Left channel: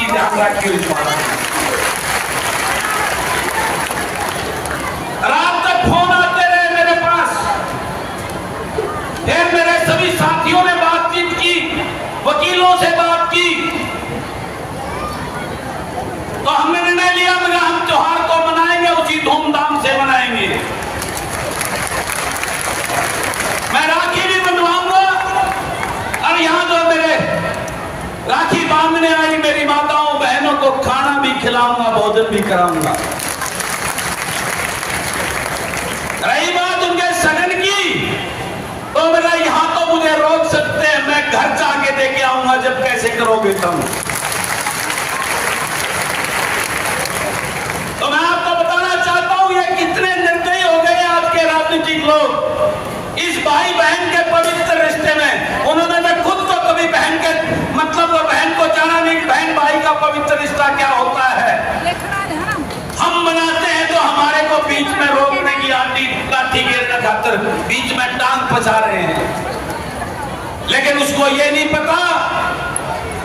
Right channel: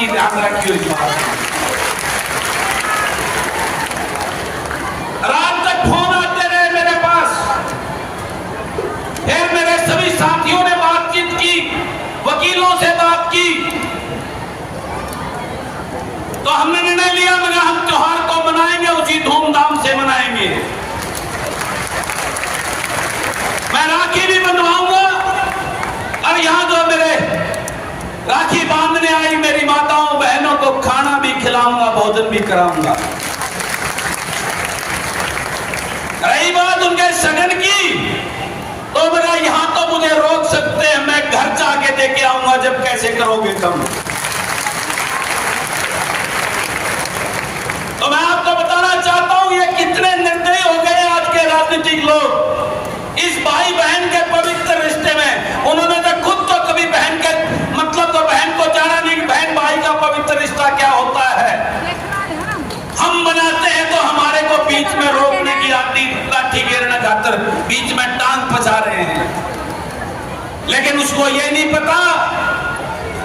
की ध्यान रखिए। इस बात रात तक फोन आते रहे मेरे पास, फिर मेरे सभी साथियों ने बातचीत की, वकीलों से बात की, तो हमने निर्णय लिया मगर हम त्योहार को मनाएंगे, उसी धूमधाम से मनाएंगे। मैं राखी भी बनवाऊंगा और यहां जो मेरे राखी बांधने आई मेरी माताओं बहनों को खाना भी खिलाऊंगा, भोजन भी कराऊंगा। रही बात उनके सगन की, तो मेरा यहां तो मुझे रोक सकते हैं, मैं घर जाके देके आऊंगा जब कैसे करोगे तुम। तो मैं आपको बताना चाहता हूं ये कितने निर्दयी हो गए आज के राजनीतिक लोग इस भाई बहन के पवित्र रिश्ते में। उन्होंने तो खुद तो कभी बहन के मतलब तो बहन को जाना नहीं, बहन भाई का पवित्र रिश्ता क्या होता है। हम बनाते हैं तो हमारे को बीच में रोकने की लाठी गिरने खातर बीच में टांग फंसा रहे हैं, लेकिन उसको ये नहीं पता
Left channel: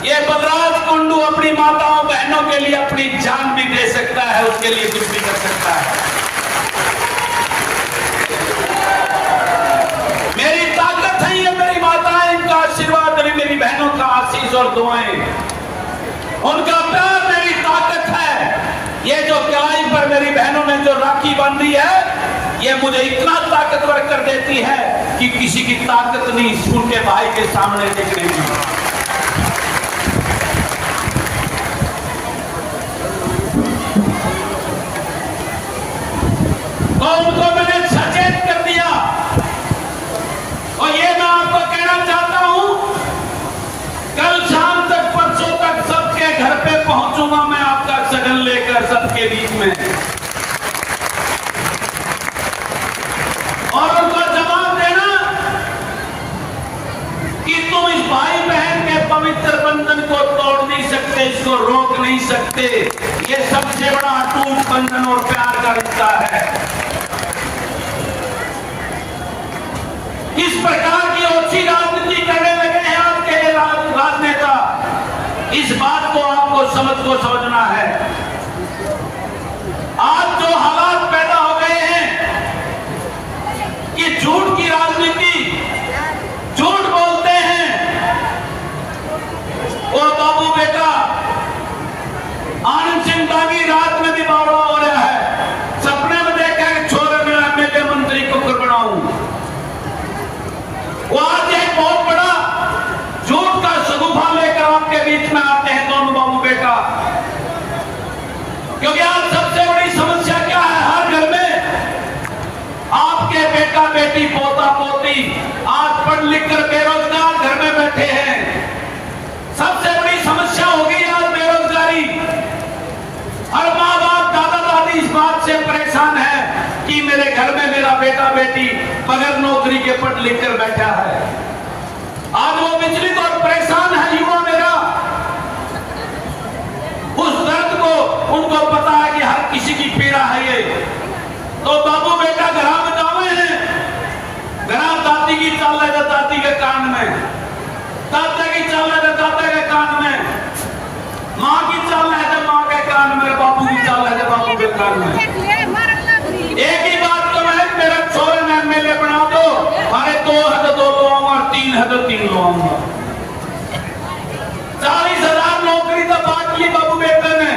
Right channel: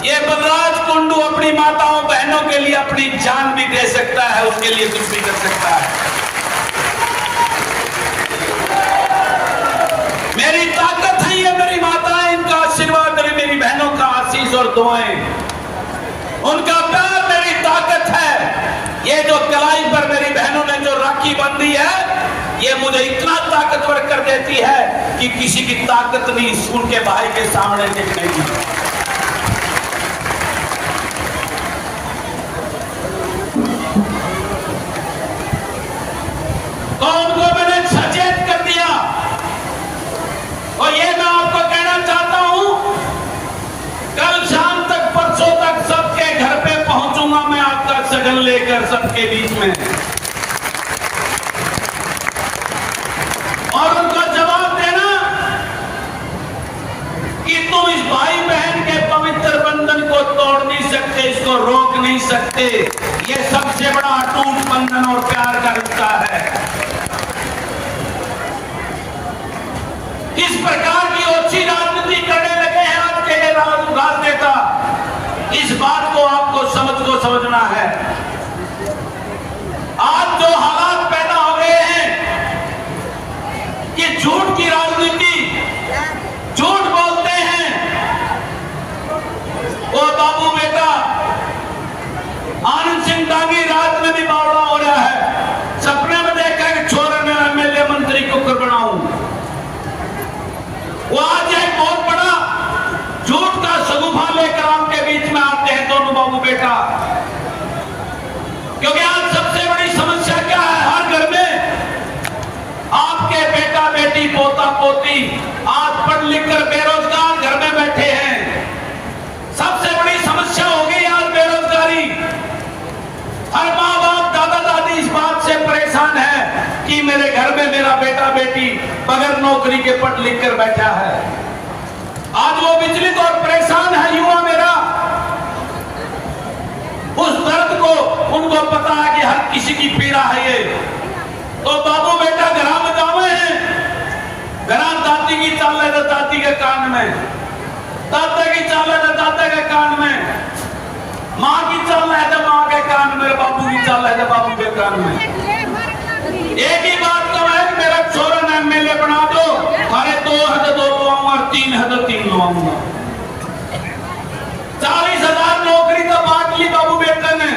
ये बलराज कुंडू अपनी माताओं बहनों के लिए अपनी जान भी दे सकता है, उसके लिए कुछ भी कर सकता है। मेरी ताकत है ये मेरी माताएं, इनका आशीर्वाद, मेरी बहनों का आशीष और दुआएं, उनका प्यार मेरी ताकत है। ये जो कलाई पर मेरी बहनों ने जो राखी बांधी है ये मुझे इतना ताकतवर कर देती है कि किसी की ताकत नहीं उनके भाई के सामने निकलेगी। उनको मैंने सचेत कर दिया और ये मैं आपको कहना चाहता हूं, कल शाम तक परसों तक सबके घर पे पहुंचूंगा मैं आपका सगन लेकर सबके बीच में, और उनको जवाब देना कि तुम इस भाई बहन के पवित्र बंधन को तोड़ नहीं सकते, इसको रोक नहीं सकते। ये सबसे बड़ा अटूट बंधन और प्यार का रिश्ता है। इस प्रकार की ओछी राजनीति करने लगे हैं आपके राजनेता, इस बात को आपको समझना है। आज जो हालात पैदा हो गए हैं कि झूठ की राजनीति, झूठ बोलते हैं, वो बाबू बेटा आनंद सिंह दागी रात में भी बावड़ा हो रहा है, सपने में देखा कि छोरे मेरा एमएलए मंत्री को बनाऊं। वो आज एक बहुत बड़ा झूठ का सगुफा लेकर आपके बीच में आते हैं दोनों बाबू बेटा, क्योंकि आज सबसे बड़ी समस्या क्या है, हर घर में आपके बेटा बेटी पोता पोती आज पढ़ लिख कर बेरोजगार घर में बैठे हैं। सबसे बड़ी समस्या होगी आज बेरोजगारी। हर माँ बाप दादा दादी इस बात से परेशान है कि मेरे घर में मेरा बेटा बेटी बगैर नौकरी के पढ़ लिख कर बैठा है। आज वो विचलित और परेशान है युवा मेरा, उस दर्द को उनको पता है कि हर किसी की पीड़ा है ये। तो बाबू बेटा घरा में दावे हैं, घरा दादी की चल रहे दादी के कान में, दादा की चल रहे दादा के कान में, माँ की चल रहे थे माँ के कान में, बाबू की चल रहे थे बाबू के कान में। एक ही बात तो है, मेरा छोरा ने एमएलए बना दो, अरे 2 है तो 2 लूंगा और 3 है तो 3 लूंगा। 40,000 नौकरी तो बात की बाबू बेटे ने,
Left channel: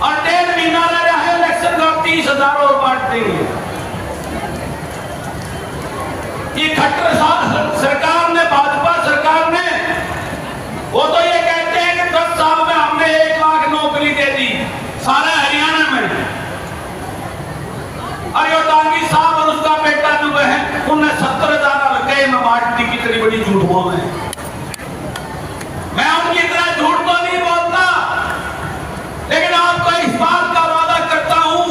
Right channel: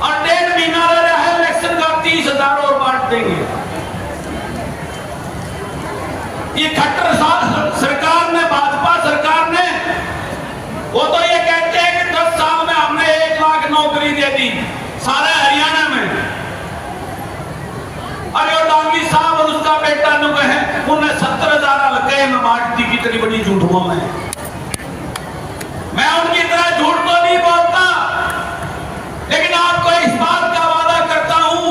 और 1.5 महीना रहा है इलेक्शन का, 30,000 और बांट देंगे। ये खट्टर साथ सरकार ने, भाजपा सरकार ने, वो तो ये कहते हैं कि 10 साल में हमने 1 लाख नौकरी दे दी सारे हरियाणा में। अरे डांगी साहब और उसका बेटा जो है उन्हें 70,000 लगे में बांट दी, कितनी बड़ी झूठ बोल रहे हैं। मैं उनकी तरह झूठ तो नहीं बोलता, लेकिन आपको इस बात का वादा करता हूं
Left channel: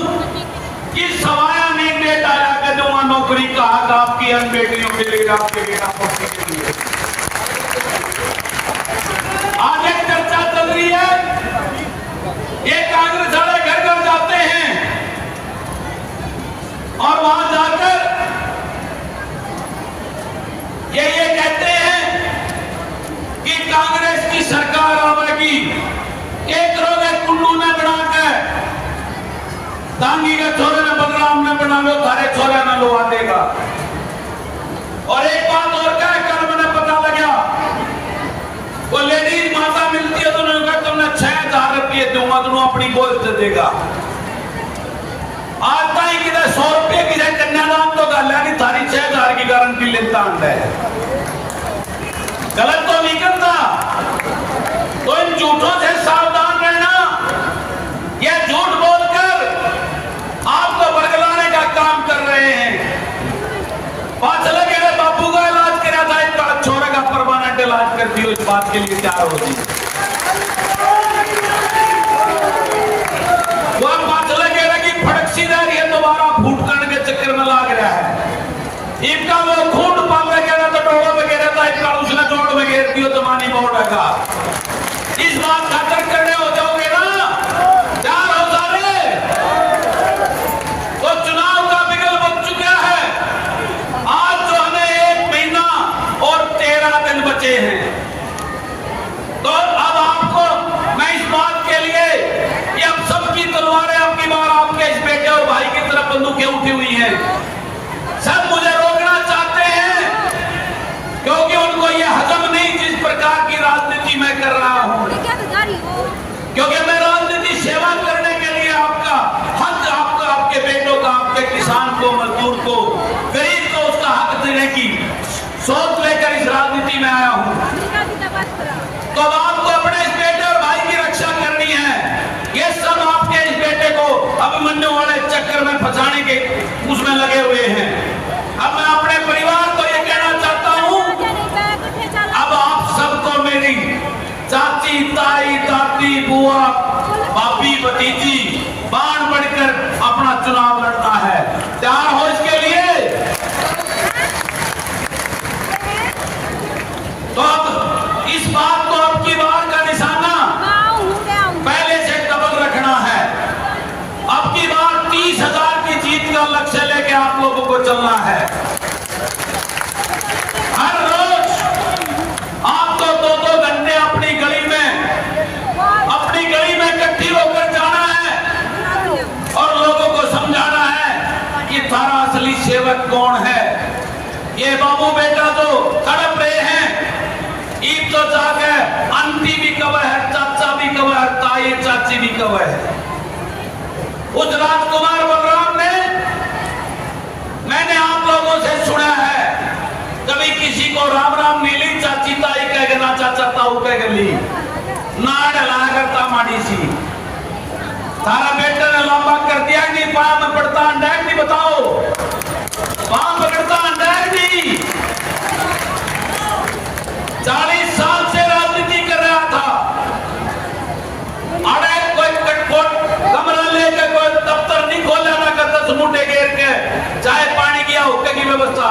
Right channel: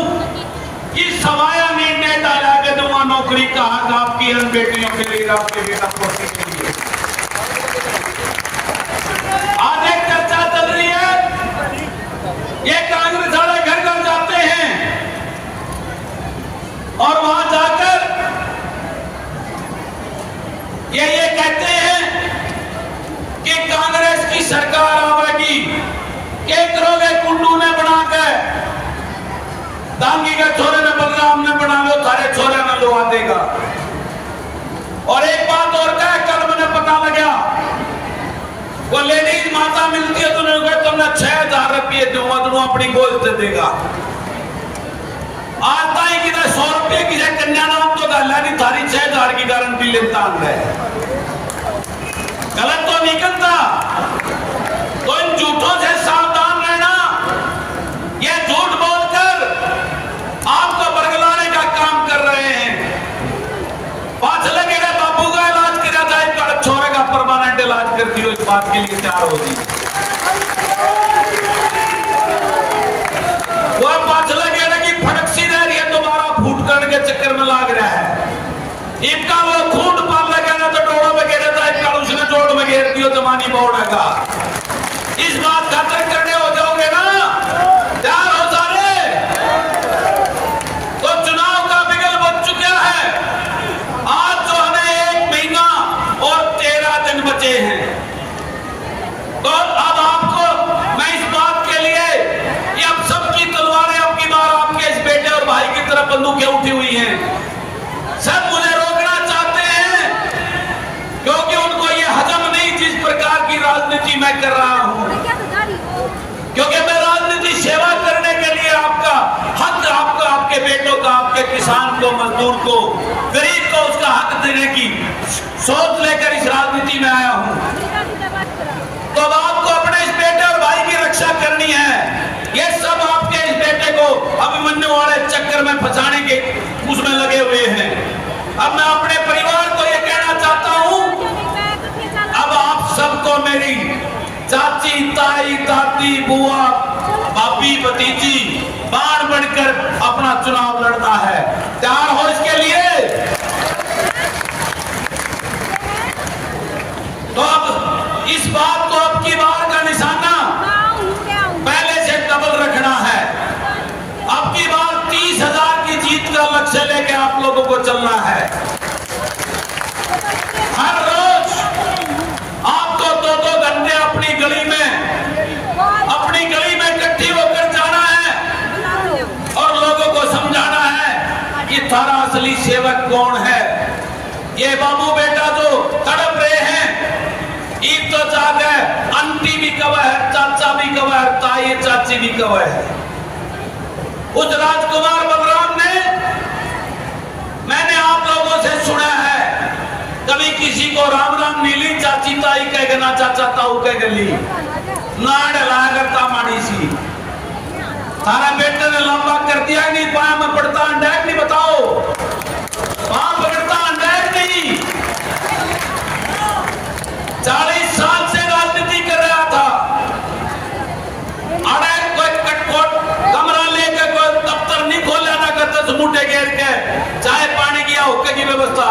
कि सवाया नहीं दे डाला के दूंगा नौकरी का हक आपकी अन बेटियों के लिए, आपके बेटा पोती के लिए। आज एक चर्चा चल रही है, ये कांग्रेस वाले घर घर जाते हैं और वहां जाकर ये कहते हैं कि कांग्रेस की सरकार आवेगी इज्जत देगा। आज ताई कि 100 रुपये की कन्यादान तो गल नहीं, थारी 6000 की गारंटी लेता है। गलत तो नहीं करता, तो इन झूठों से सावधान रहना। ये झूठ बोलकर आपको बरगलाने का काम कर रहे हैं। पाछले के बापू का इलाज कराया था, एक छोरे का परमानेंट इलाज कर दियो, इस बात के लिए तैयार होगी। तो पाछले कह रहे कि फड़क सी रह रही है, दोबारा फूट करने के चक्कर में लाग रहा है। इनका वो खूट पाल में कह रहे तो डोड़ों में गिरा था, इनका उसने जोड़ में घेर दियो तो मानी बोर्ड है। इस बात खतर करने हो जाओगे ना, तैयार हो सारे। तो चुनाव का बिगल बच चुका है। आज जो हमें 1 महीना और 13 दिन बचे हैं, तो अब आपको मैं इस बात के लिए, ये अब सबकी तलवारें अब की बार आपके इस बेटे और भाई की तरफ बंदूकें उठी हुई हैं। सब मुझे रोकना चाहते हैं, क्योंकि उनको ये हजम नहीं जिस प्रकार की राजनीति मैं कर रहा हूं। क्योंकि मैं राजनीति सेवा करने के लिए आपका हक, आपका, आपके बेटों का, आपके किसान को, मजदूर को, गरीब को उसका हक देने की सोच लेकर इस राजनीति में आया हूं। तो अब आपको अपने इस बेटे और भाई की रक्षा करनी है। ये सब आपके इस बेटे को अभिमन्यु वाले चक्कर में फंसाने के उसमें लगे हुए हैं। अब मैं अपने परिवार को ये कहना चाहता हूं, अब आप सबको मेरी चाची, ताई, दादी, बुआ, भाभी, भतीजी बाण बढ़कर अपना चुनाव लड़ना है। तैयार हो इसके लिए? तो अब इस बात को अब की बार का निशाना पहले से डबल रखना है। अब की बार 30,000 की जीत का लक्ष्य लेके आप लोगों को चलना है। हर रोज आपको 2-2 घंटे अपनी गली में इकट्ठी होकर जाना है और लोगों को समझाना है कि थारा असली सेवक कौन है। ये बाबू बेटा जो तड़प रहे हैं, ईद तो जाग है, आंटी भी कवा है, चाचा भी कवा है, ताई चाची भी कवा है। उस राजकुमार बलराम ने, मैंने आप लोगों से सुना है, कभी किसी को राम राम मिली, चाची ताई कह गना, चाचा ताऊ कह गली ना डला करता माड़ी सी। तारा बेटे ने लंबा कर दिया नहीं, पाया में पड़ता अंडैक नहीं, बताओ वहां पकड़ता अंडैक नहीं। 40 साल से राजनीति कर रहा था। अरे कोई कटकोट कमरा लेकर कोई दफ्तर नहीं खोला ना करता, सुनूटे घेर के चाय पानी की हुक्के की व्यवस्था।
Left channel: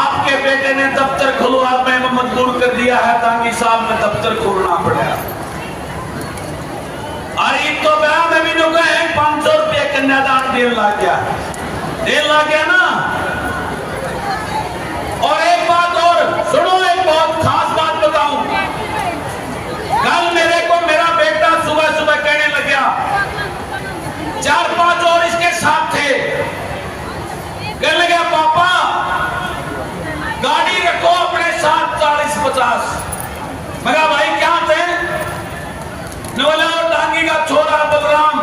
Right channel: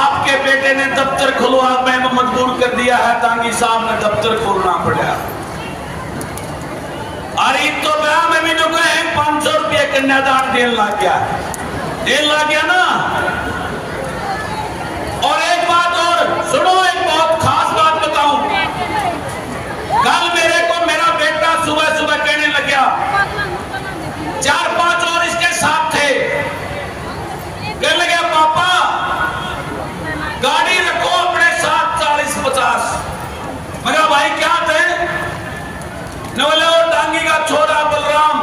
आपके बेटे ने दफ्तर खुलवा मैंने मजबूर कर दिया है, ताकि साहब ने दफ्तर खोलना पड़ा। अरे तो ब्याह में भी जो कहे 500 रुपये कन्यादान देने लग गया ना। और एक बात और सुनो, एक बहुत खास बात बताऊं। कल मेरे को मेरा बेटा सुबह सुबह कहने लग गया, 4-5 और इसके साथ थे, कहने लगा पापा गाड़ी रखो अपने साथ 40-50। मैं कहा भाई क्या थे? नवले डांगी का छोरा बलराम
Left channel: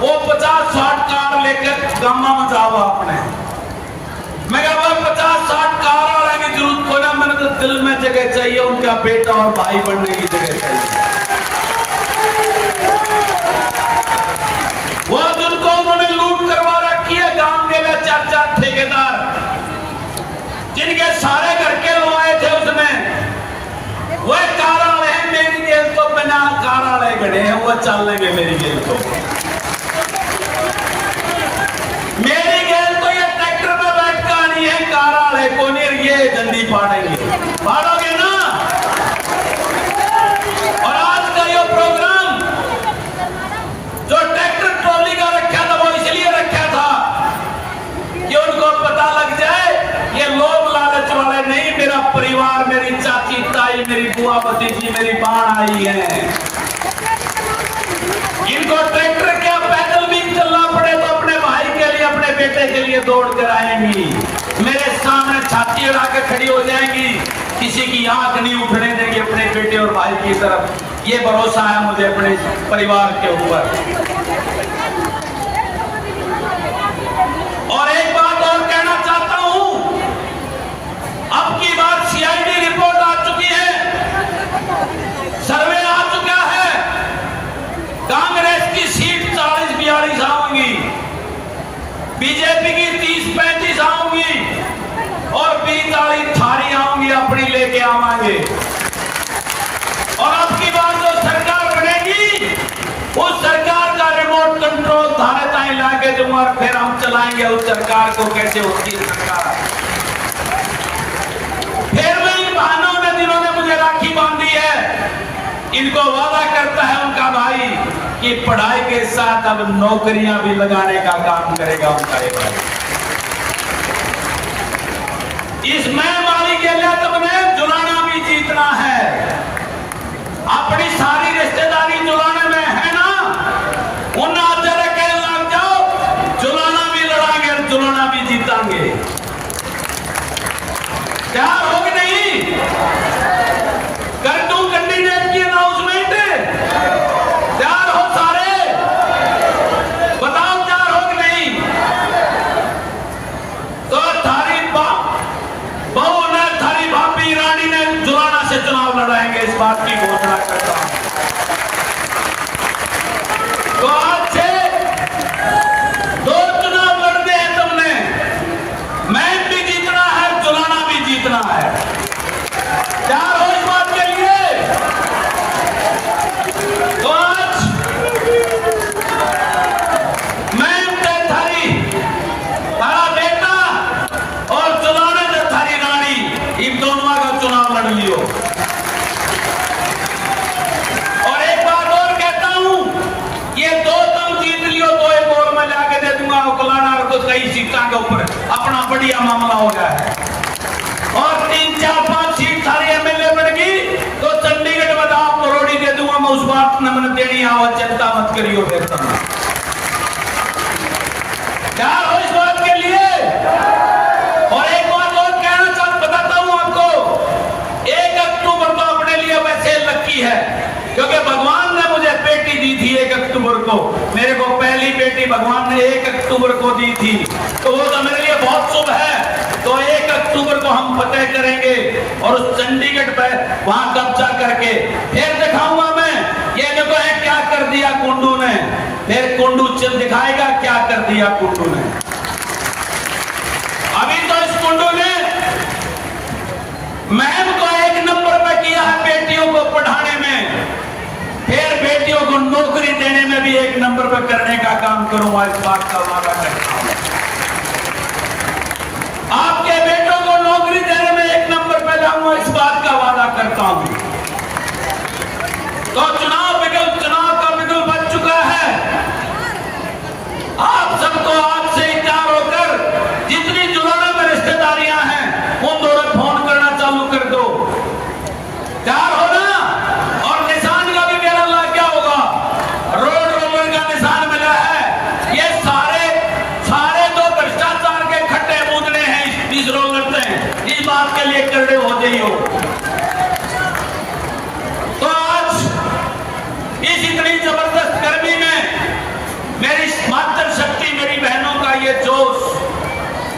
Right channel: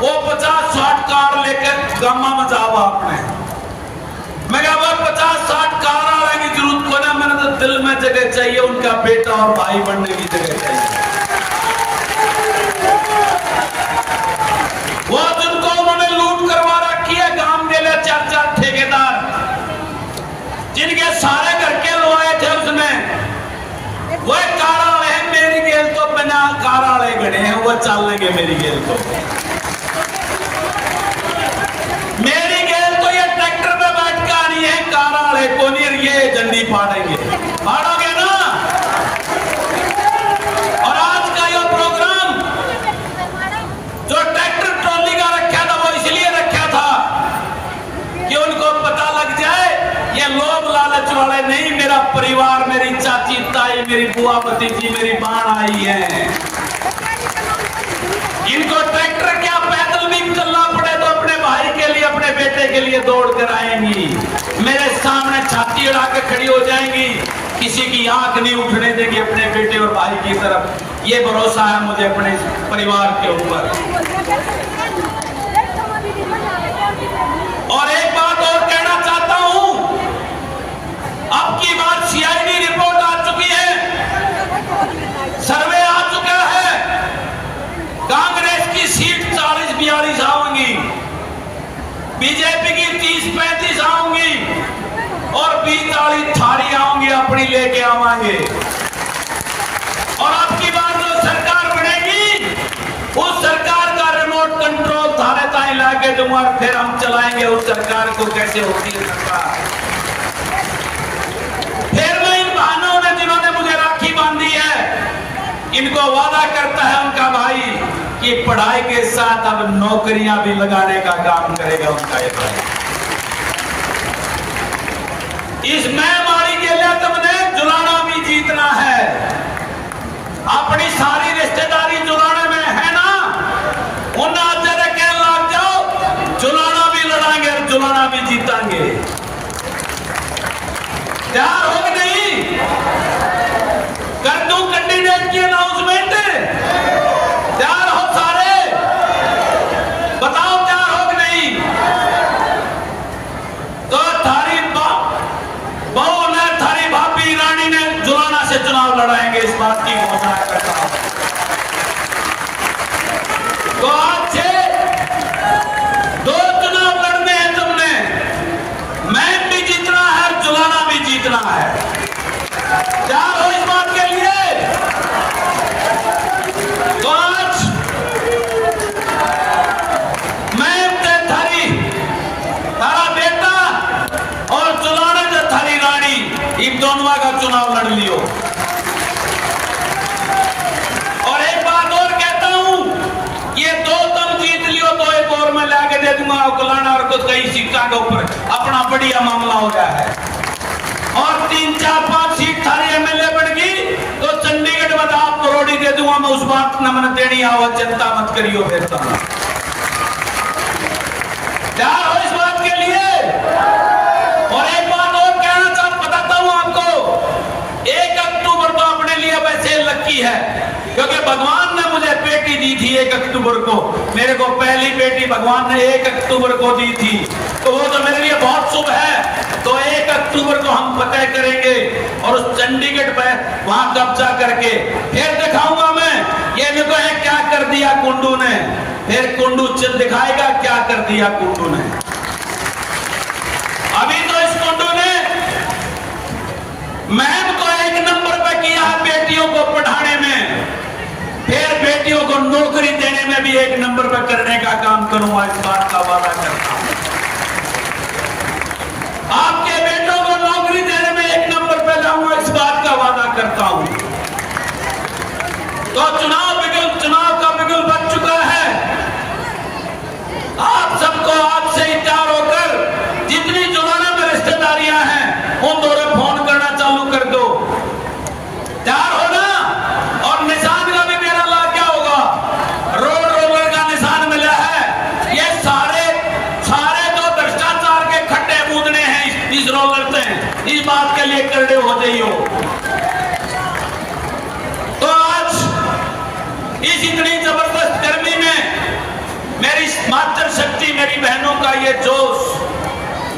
वो 50-60 कार लेकर गामा में जाओ आपने। मैं कहा भाई 50-60 कार वाले की जरूरत को ना, मैंने तो दिल में जगह चाहिए, उनका बेटा और भाई बनने की जगह चाहिए। वो जिनको उन्होंने लूट करवा रखी है, गांव के लिए 4-4 ठेकेदार, जिनके सारे घर के लुआए थे उसने, वो कार वाले हैं। मेरी गेल तो बिना कार वाले खड़े हैं, वो चल लेंगे मेरी गेल को। मेरी गेल तो ये ट्रैक्टर में बैठ कर आनी है, कार वाले को नहीं, ये झंडी फाड़ेंगे। फाड़ोगे ना? और आज का ये प्रोग्राम जो ट्रैक्टर ट्रॉली का रखा था, वो इसलिए रखा था कि उनको पता लग जाए ये लोग लालच वाले नहीं, मेरा परिवार, मेरी चाची ताई, मेरी बुआ भतीजी, मेरी बाण आई है। इनको ट्रैक्टर क्या पैदल भी चलना पड़े तो अपने भाई के लिए, अपने बेटे के लिए दौड़ कर आएंगी। मेरे सामने छाती लाठी उड़ा के खड़ी हो जाएंगी, किसी की आंख नहीं उठने देंगे अपने बेटे और भाई की तरफ। ये भरोसा है मुझे अपने परिवार के ऊपर। और एक बात और कहना चाहता हूं, अब की बात सीआईडी रिपोर्ट आ चुकी है, सर्वे आ चुका है, कांग्रेस की सीट 40-42 आऊंगी, बीजेपी की 30-35 आऊंगी और 20-40 थारी आऊंगी अपनी लेके आवांगे। और अब की बार जो सरकार बनेगी उस सरकार का रिमोट कंट्रोल थाने ताई लाके दूंगा, फिर हम चलाएंगे उस सरकार को। कैसे होती है सरकार? फिर मैं इन बहनों ने जिन्होंने मुझे राखी बांधी है, इनको वादा करता है उनका भाई कि पढ़ाई के साथ अब नौकरियां भी लगाने का काम करेगा उनका ये भाई। इस महामारी के लिए तुमने जुलाना भी जीतना है। अपनी सारी रिश्तेदारी जुलाने में है ना, उन आचार्य के लग जाओ, जुलाना भी लड़ाएंगे, जुलाना भी जीतेंगे। तैयार हो कि नहीं? कर दूं कैंडिडेट की अनाउंसमेंट? तैयार हो सारे? बताओ तैयार हो कि नहीं? तो थारी बहू ने, थारी भाभी रानी ने जुलाना से चुनाव लड़ाएंगे, इस बात की घोषणा करता हूं। तो आज से 2 चुनाव लड़ने हैं तुमने, मैन भी जीतना है, जुलाना भी जीतना है। तैयार हो इस बात के लिए? तो आज मैन ते थारी, तारा बेटा और जुलाने ते थारी रानी, इन दोनों का चुनाव लड़ लियो। और एक बात और कहता हूं, ये 2 तुम जीत लियो तो एक और मैं लाके दे दूंगा कुलाना और को कई सीटों के ऊपर अपना बढ़िया मामला हो गया है। और 3-4-5 सीट थारी एमएलए बढ़ गई तो चंडीगढ़ में आप करोड़ी दे दूंगा मैं, उस बात न मैंने देनी आवाज, चिंता मत करियो। बेहतर क्या हो इस बात के लिए? और एक बात और कहना चाहता, बताता हूं आपको, 1 अक्टूबर तो अपने लिए वैसे लकी है क्योंकि भगवान ने मुझे बेटी दी थी 1 अक्टूबर को। मेरे को पहली बेटी भगवान ने 1 अक्टूबर को दी थी, तो वो तो मेरे लिए बहुत शुभ है। तो 1 अक्टूबर को हम फतेह करेंगे और उस चंडीगढ़ पे वहां कब्जा करके फिर दिखाऊंगा मैं, ये देखो है क्या कर दिया कुंडू ने। फिर कुंडू चल दिखाएगा क्या कर दिया कुंडू ने। अभी तो इस कुंडू ने मैम को 1 नंबर पे किया है बेटियों को पढ़ाने में, फिर बेटियों को नौकरी देने में भी 1 नंबर पे करने का काम करूंगा, इस बात का वादा करता हूं। आपके बेटों को नौकरी देने में 1 नंबर पे लाऊंगा, इस बात का वादा करता हूं। तो चुनाव का बिगुल बच चुका है। आप सबको आज से ही तैयार होकर जितनी जुलाना में रिश्तेदारियां हैं उन दोनों फोन करना चालू कर दो। तैयार हो ना? और निशान का भी मेरा ला क्या होगा, रोड रोलर का निशान मिला है। ये सारे तो भ्रष्टाचार के खड्डे बूंदने हैं इस रोलर से, इस बात के लिए करने हो जाइयो। तो आज इस इतनी जबरदस्त गर्मी में मेरी मातृ शक्ति, मेरी बहनों का ये जोश,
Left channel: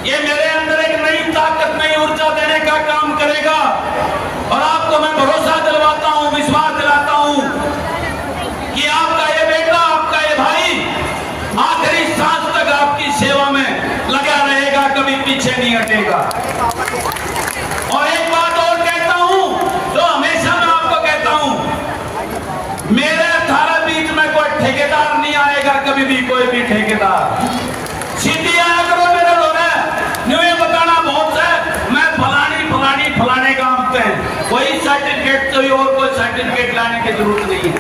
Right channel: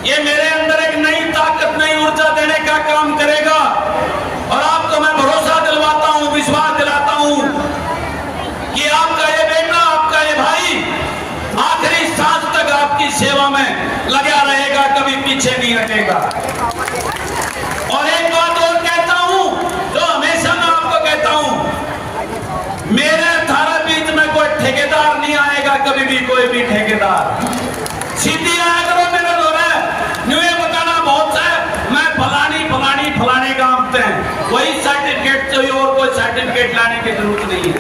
ये मेरे अंदर एक नई ताकत, नई ऊर्जा देने का काम करेगा। और आपको मैं भरोसा दिलवाता हूं, विश्वास दिलाता हूं कि आपका ये बेटा, आपका ये भाई आखिरी सांस तक आपकी सेवा में लगा रहेगा, कभी पीछे नहीं हटेगा। और एक बात और कहता हूं, जो हमेशा मैं आपको कहता हूं, मेरे थारे बीच में कोई ठेकेदार नहीं आएगा, कभी भी कोई भी ठेकेदार। सीधी आया करो मेरे द्वारा, न्यूए बताना बहुत है, मैं फलाने काम पे वही सर्टिफिकेट चाहिए और कोई सर्टिफिकेट लाने की जरूरत नहीं है।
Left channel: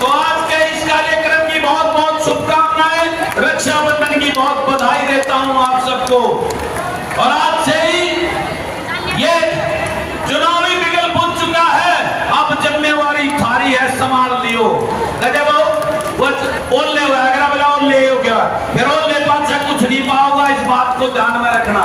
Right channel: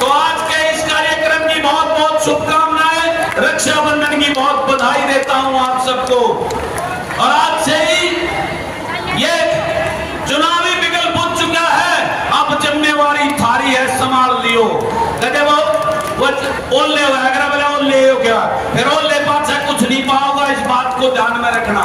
तो आज के इस कार्यक्रम की बहुत बहुत शुभकामनाएं, रक्षाबंधन की बहुत बधाई देता हूं आप सबको। और आज से ही ये चुनावी बिगल बुझ चुका है, अब जिम्मेवारी थारी है, संभाल लियो। वो ओले अगर बोला ओले हो गया, फिर ओले पास कुछ नहीं पाओगा, इस बात को ध्यान में रखना।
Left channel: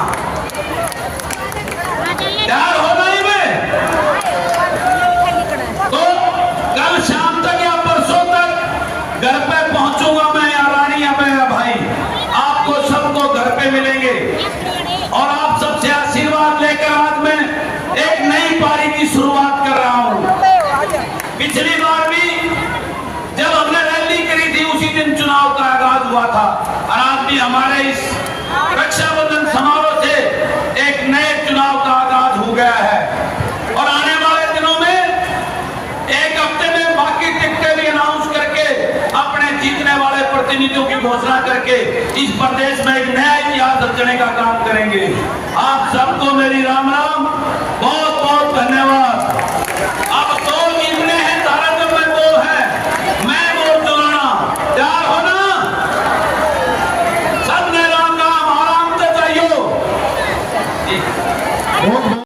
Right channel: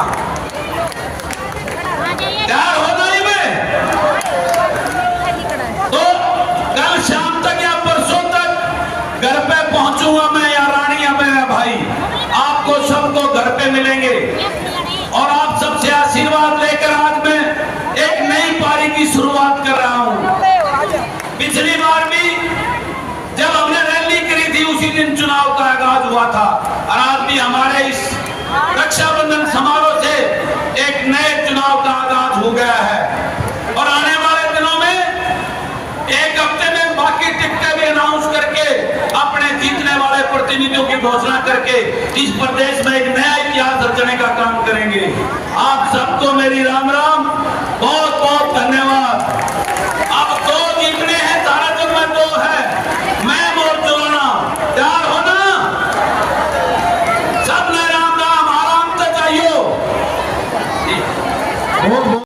पिछली बार भी जब हमने रैली करी थी उसी दिन चुनाव का आगाज हुआ था और आज भी हमारे इस रक्षाबंधन समारोह से एक नए चुनाव का आगाज हो गया है और आने वाले दिनों में एक हफ्ते में बाकी टिकटें भी अनाउंस करके अपने जीतने वाले प्रतिनिधियों की घोषणा करके इस प्रदेश में एक नया इतिहास रचने का काम करेंगे। आप सबको मेरी राम राम।